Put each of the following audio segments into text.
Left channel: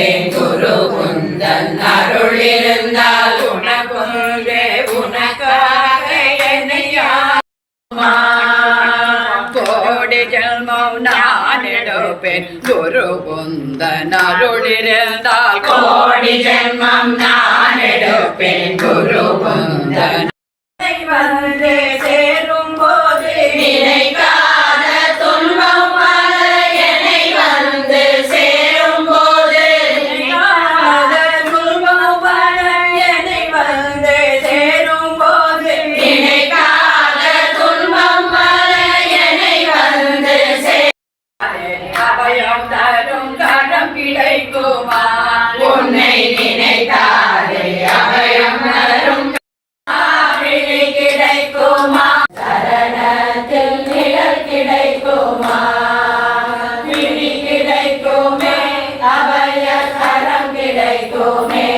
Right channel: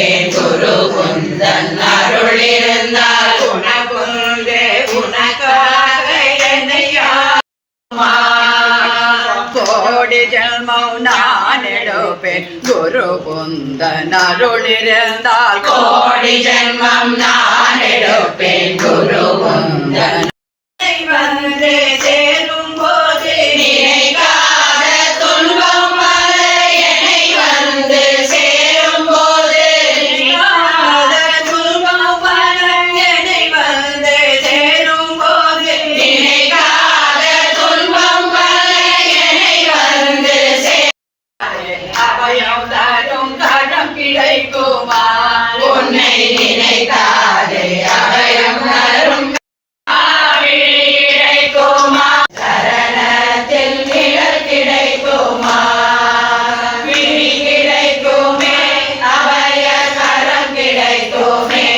உணர்வேன் குரு குந்தன் அருள் இருந்தால் உனக்குள்ளே உனக்காக கோடி ஜென்மம் நான் எடுப்பேன் குரு நான் எடுப்பேன் குரு குந்தன் perfecto me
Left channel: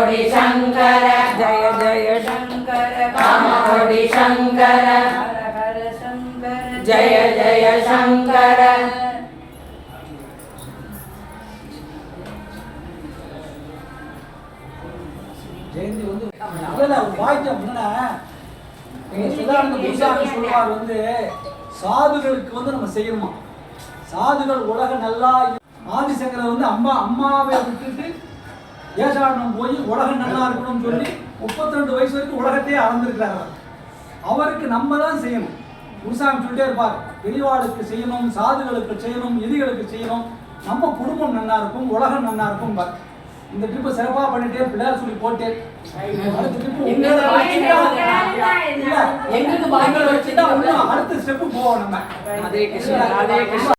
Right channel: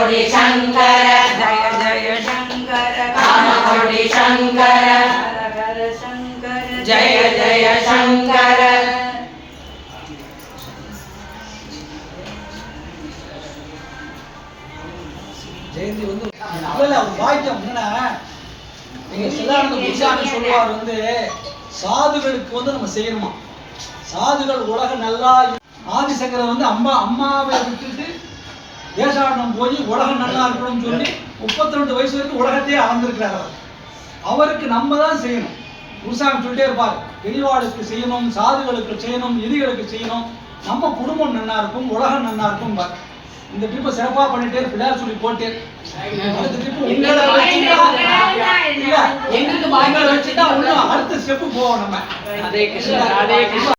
காமகோடி சங்கர. ஜய ஜய சங்கர. காமகோடி சங்கர. ஜய ஜய சங்கர. ஜெயந்தி வந்து இல்ல வாக்கியம் என்னன்னா நீங்க சிதானந்த புத்தாணி சொல்லுவார் வந்து சாதுகளுக்கு வந்து நம்ம செய்யணுமா? சாதுகள் உலகம் நல்லா ஆதிசங்கரர் வந்து அம்மா அம்மாவை விட்டுட்டு தேசாடனம் போய் உலகம் நல்லா இருக்கணும்னு சொல்லி முப்பத்தி ரெண்டு வயசு வரைக்கும் உலகத்தையே அளந்திருக்கிறார் அவர். அவருக்கு நம்ம தான் செய்யணும். குருசாமி சொல்லிட்டே இருப்பார் பெரியவாளுக்கு செய்யணும் சாதுகளுக்கு செய்யணும் எதிகளுக்கு செய்யணும். நம்ம குடும்பம் நன்னா இருக்கும் உலகம் நன்னா இருக்கும் பார். இந்த ட்ரிப்பை சிறப்பா பண்ணிட்டே பிள்ளையார் சொல்லி போட்டே அடுத்த ட்ரிப் உங்களை இன்னும் அடுத்த ஸ்டெப்பு போவோம் நம்ம.